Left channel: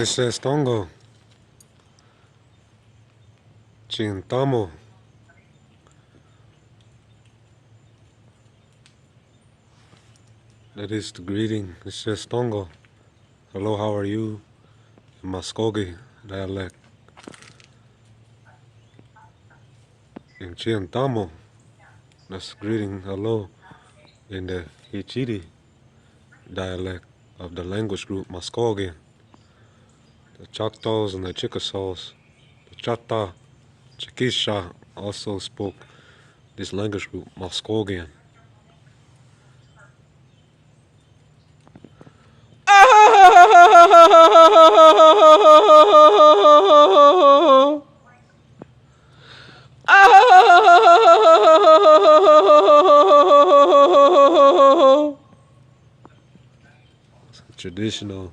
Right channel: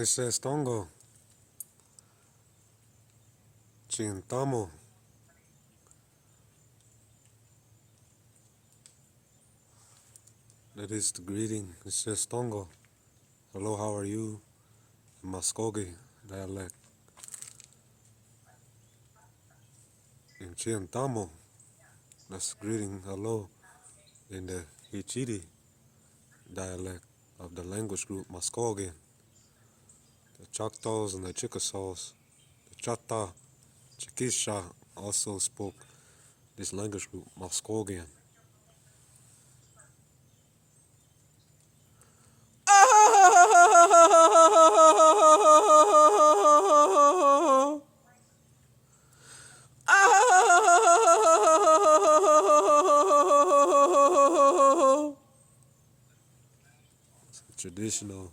Ese es tongo. Chintamo. That is the greeting. It says tongo. Hello, how are you? In Muskogee dialect. In Chintamo, that's greeting hello in the Hichiri dialect of the language group Muskogee. The Choctaws and the Chickasaws, the Chata, Chickisha also spoke this language group Muskogean. Traditional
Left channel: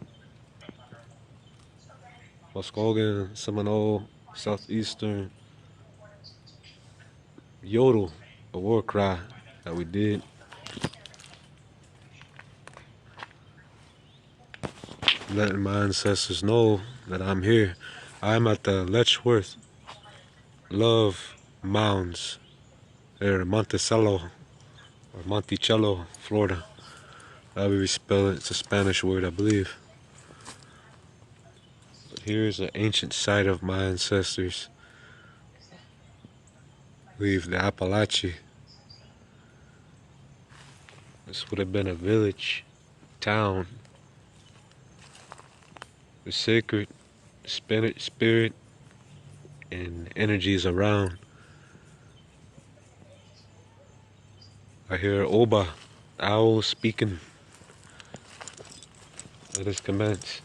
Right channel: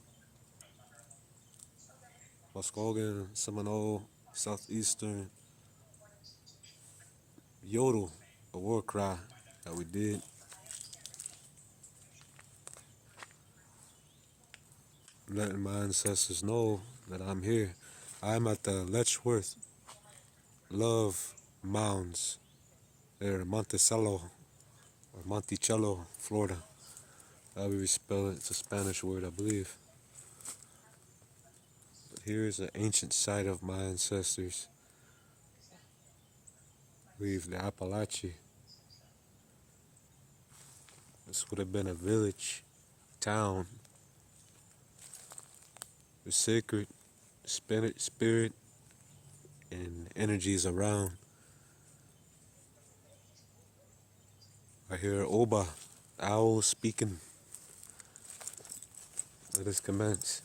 Muskogean, Seminole, Southeastern yodel, a war cry that we did. Letting my ancestors know that I'm here. I'm at the Letchworth-Love Mounds there in Monticello, or Monticello, Florida. However we spell it, it's a Spanish word, I believe. But here's an ancient site of my ancestors. I believe the Appalachia. This would have been a village, town. The sacred spirit and energies around. I hear Oba, owl speaking. Let us commence.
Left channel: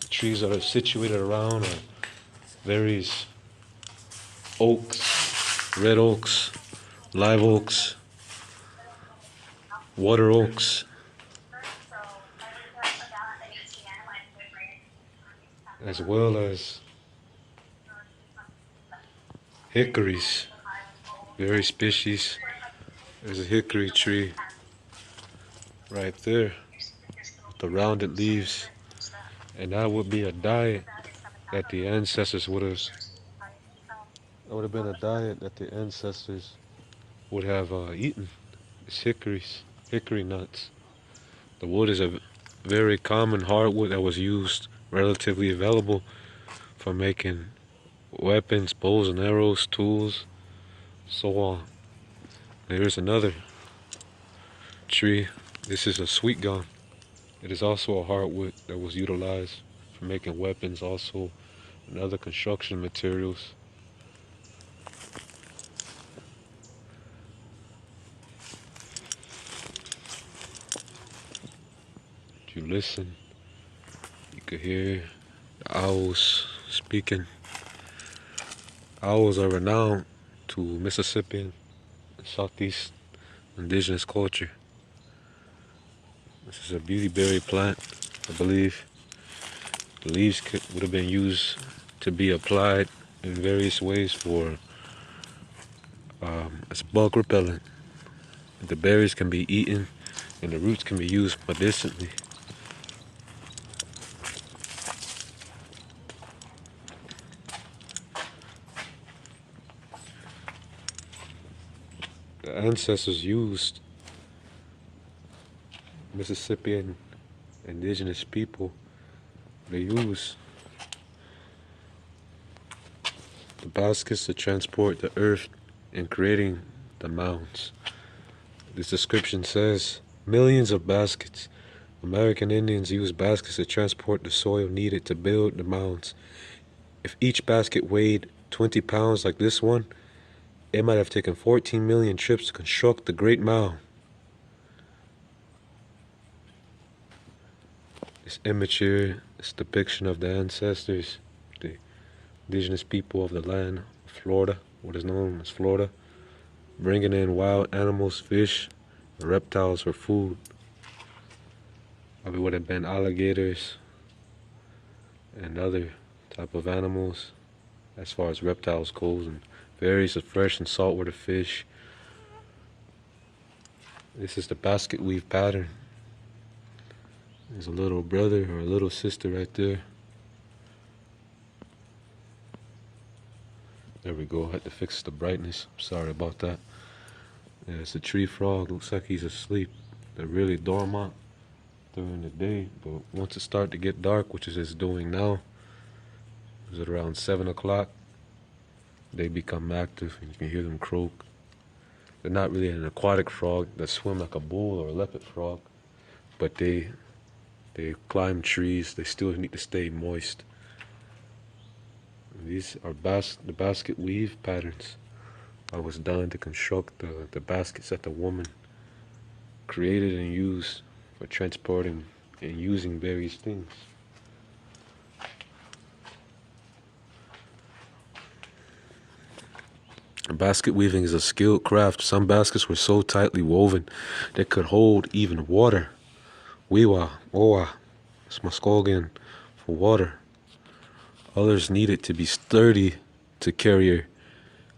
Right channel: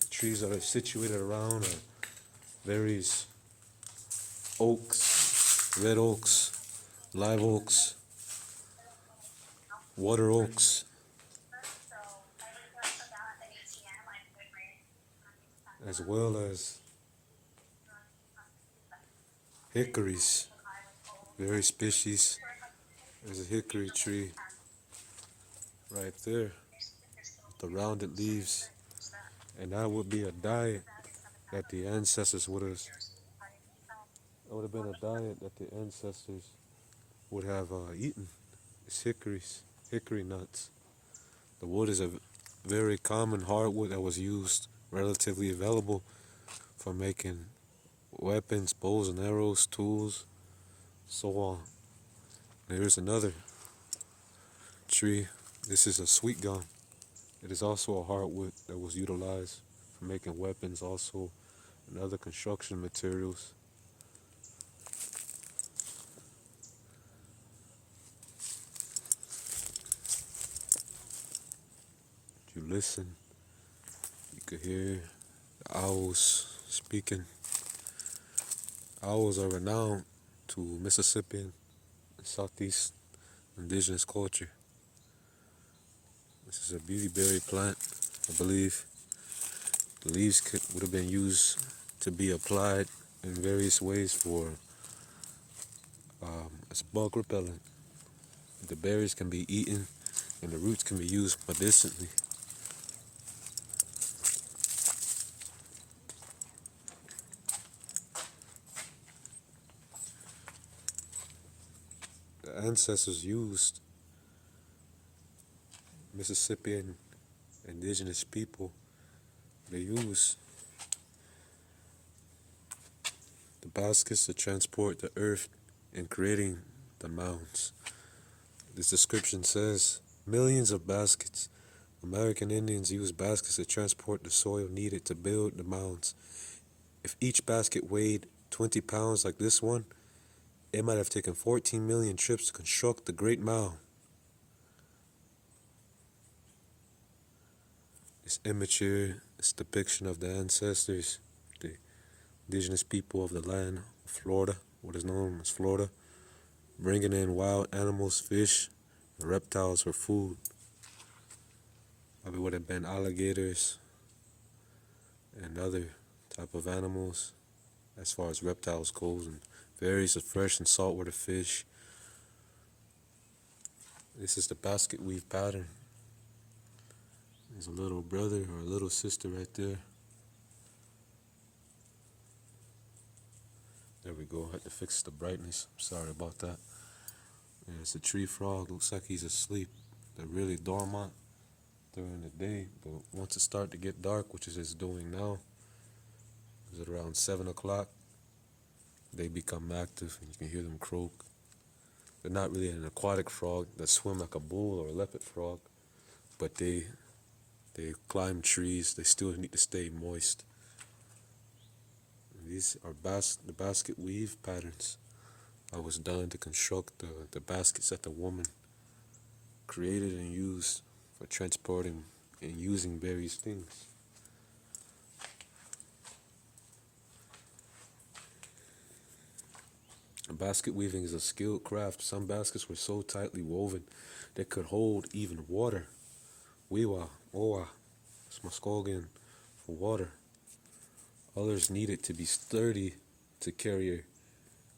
The trees that are situated around are various oaks, red oaks, live oaks, water oaks, as well as hickories, various species. There's a hickory tree right there with the rounded leaves, and that would be a diet that the ancestors would have. That would have been a diet that the ancestors would have eaten. It's hickory nuts. The wood is a very common hardwood that was used, relatively available for making weapons, bows and arrows, tools, so on. And here's another tree. This is a sweet gum. It is also a hardwood that was utilized for making weapons, also and other construction materials. If you listen, you could hear the owls speaking. Owls are renowned to Mississippian and Southeast indigenous culture. This is a beauty berry plant, I believe. The leaves would have been used to be applied in various ways for as bug repellent. The berries can be eaten and the roots can be used medicinally. The ancestors used Mississippian indigenous people. They used the baskets to transport the earth in creating the mounds. This description says, millions of baskets. American Indians used baskets to transport the soil needed to build the mounds. If each basket weighed 20 pounds like this one, it might have taken 14 million trips to construct the Great Mound. This immature, this depiction of the ancestors, the indigenous people of the land of Florida, what is known as Florida, bringing in wild animals, fish, and reptiles for food. Probably would have been alligators and other type of animals as far as reptiles goes, and various of fresh and saltwater fish. This is the basket weave pattern. There's a little brother or a little sister right there. There we go. I had to fix the brightness. Sorry about that. Yeah, it's a tree frog. Looks like he's asleep. They're really dormant during the day, but once it starts to get dark, which is it's doing now, is at around 7 o'clock, they become active and you can hear them croak. They're not really an aquatic frog that swim like a bull or a leopard frog, but they climb trees. They still need to stay moist. And these are the basket weave patterns. I was done to construct the baskets that the woman created and used for transporting and using various things. Basket weaving is a skilled craft. Some baskets were so tightly woven they could hold even water. Wiwa, oa, it's Muskogean for water. Others needed to be sturdy to carry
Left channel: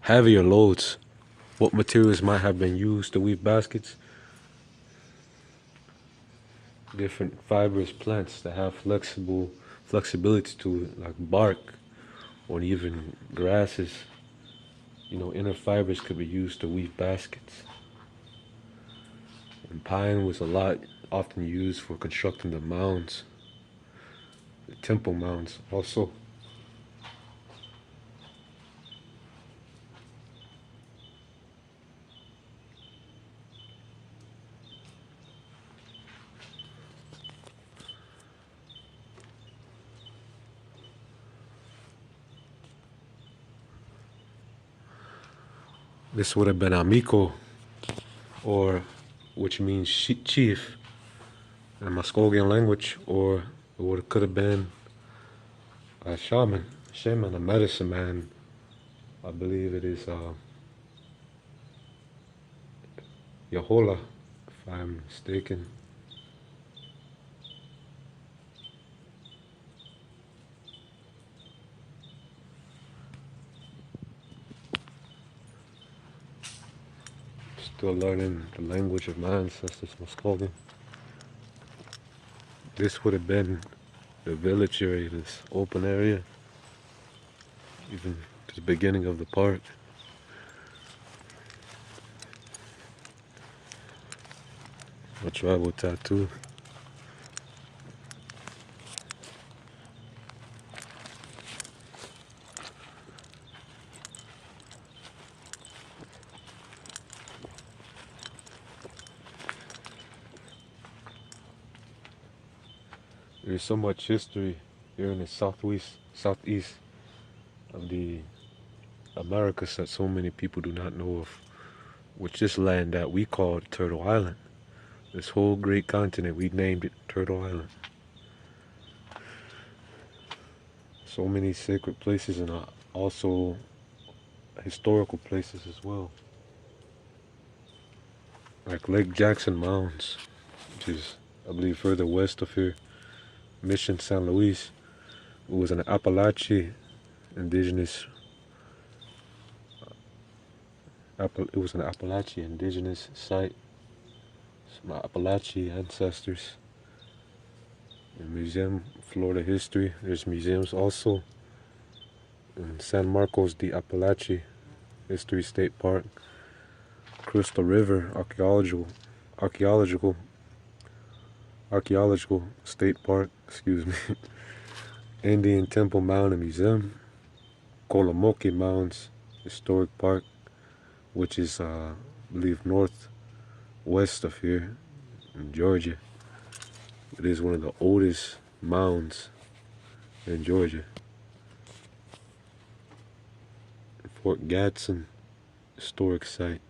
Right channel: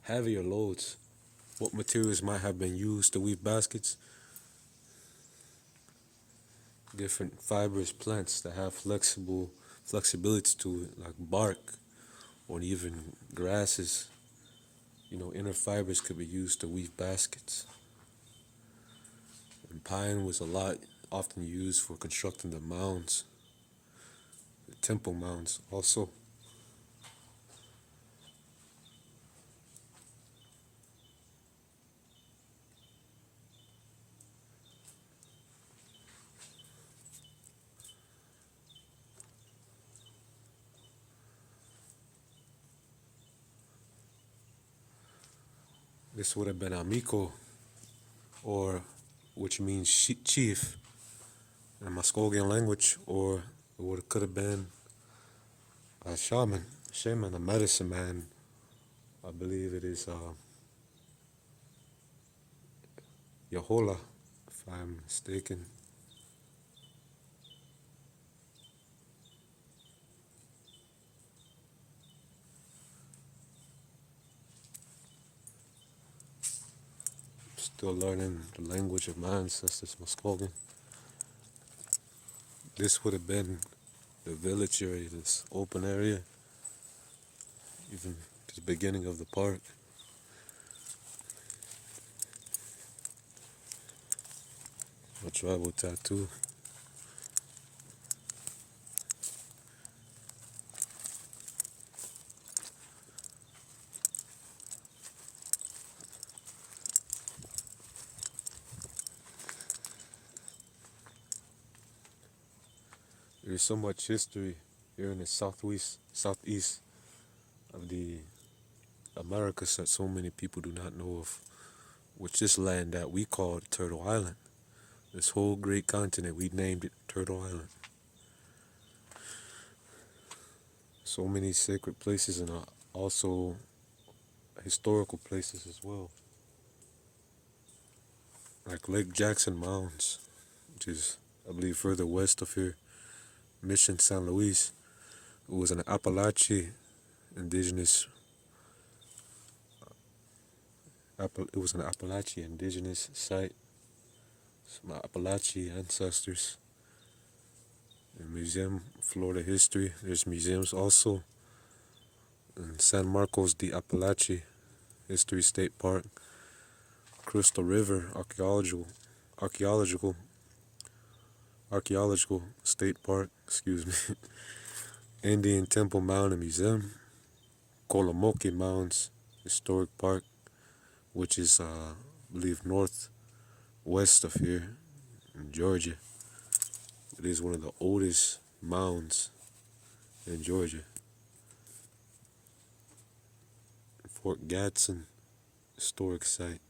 heavier loads. What materials might have been used to weave baskets? Different fibrous plants that have flexibility to it, like bark or even grasses. Inner fibers could be used to weave baskets. And pine was often used for constructing the mounds, the temple mounds also. This would have been Amico, or which means chief in Muskogean language, or could have been a shaman, a medicine man. I believe it is Yahola, if I'm mistaken. Still learning the language of my ancestors, Muskogean. This would have been the village area, this open area, even to the beginning of the park. A tribal tattoo. There's so much history here in the southeast of the Americas that so many people do not know of, which this land that we call Turtle Island. This whole great continent, we named it Turtle Island. So many sacred places and also historical places as well. Like Lake Jackson Mounds, which is, I believe, further west of here. Mission San Luis. It was an Appalachian indigenous site. Some Appalachian ancestors. And museum, Florida history. There's museums also in San Marcos de Apalache History State Park, Crystal River Archaeological State Park, Indian Temple Mound and Museum, Kolomoke Mounds Historic Park, which is, I believe, northwest of here in Georgia. It is one of the oldest mounds in Georgia. Fort Gadsden Historic Site.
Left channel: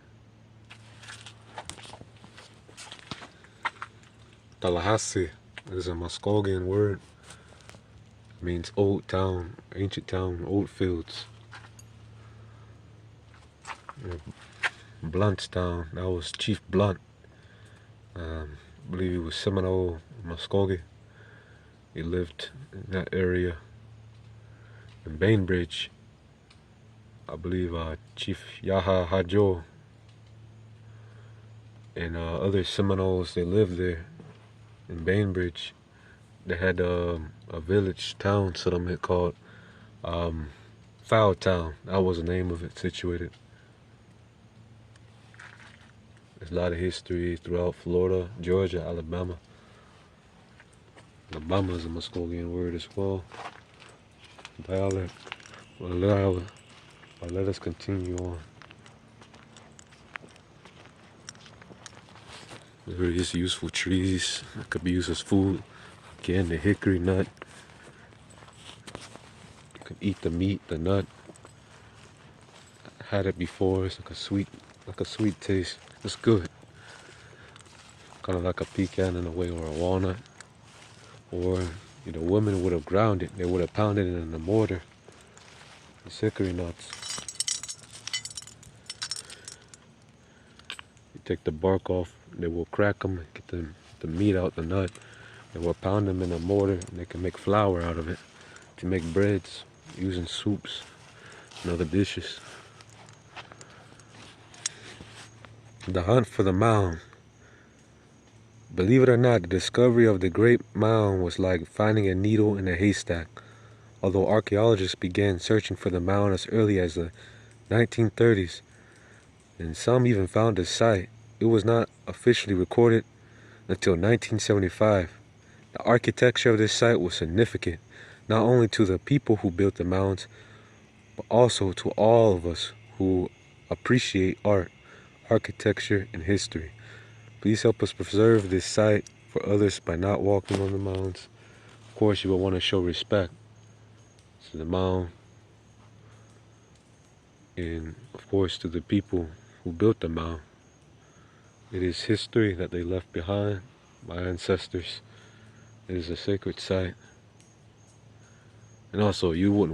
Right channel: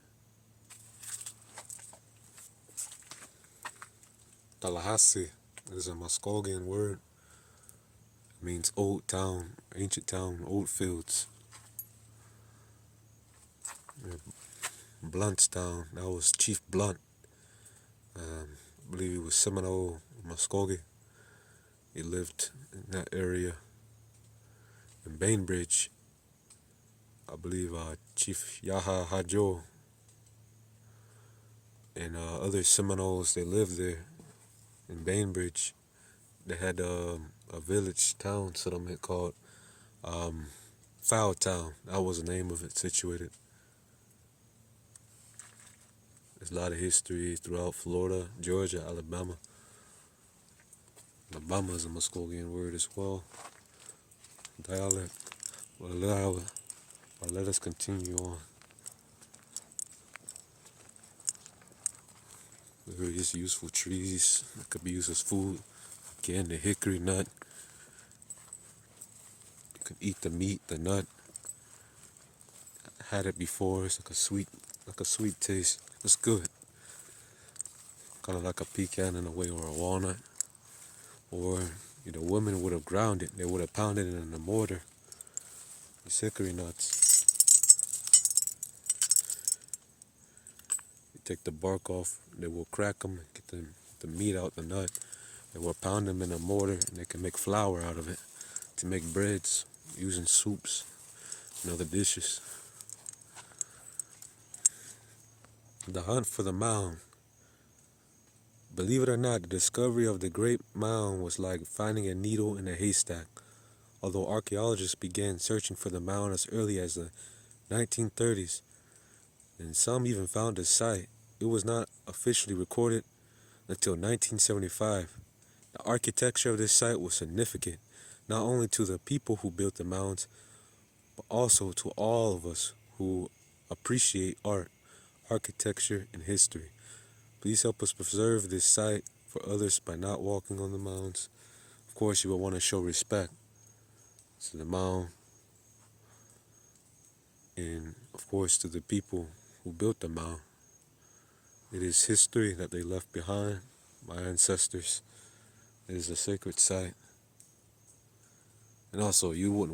Tallahassee is a Muskogean word. It means old town, ancient town, old fields. Bluntstown, that was Chief Blunt. I believe he was Seminole, Muskogee. He lived in that area. In Bainbridge, I believe Chief Yaha Hajo and other Seminoles, they lived there in Bainbridge. They had a village town settlement called Fowl Town. That was the name of it, situated. There's a lot of history throughout Florida, Georgia, Alabama. Alabama is a Muscolian word as well. Dialect. Well, let us continue on. Various useful trees that could be used as food. Again, the hickory nut. You can eat the meat, the nut. I had it before. It's like a sweet taste. It's good. Kind of like a pecan in a way, or a walnut. Or, women would have ground it. They would have pounded it in a mortar. These hickory nuts. You take the bark off. They will crack them, get the meat out the nut. They will pound them in a mortar, and they can make flour out of it to make breads, using soups and other dishes. The hunt for the mound. Believe it or not, the discovery of the Great Mound was like finding a needle in a haystack. Although archaeologists began searching for the mound as early as the 1930s, and some even found the site, it was not officially recorded until 1975. The architecture of this site was significant, not only to the people who built the mounds, but also to all of us who appreciate art, architecture, and history. Please help us preserve this site for others by not walking on the mounds. Of course, you will want to show respect to the mound and, of course, to the people who built the mound. It is history that they left behind, my ancestors. It is a sacred site. And also, you wouldn't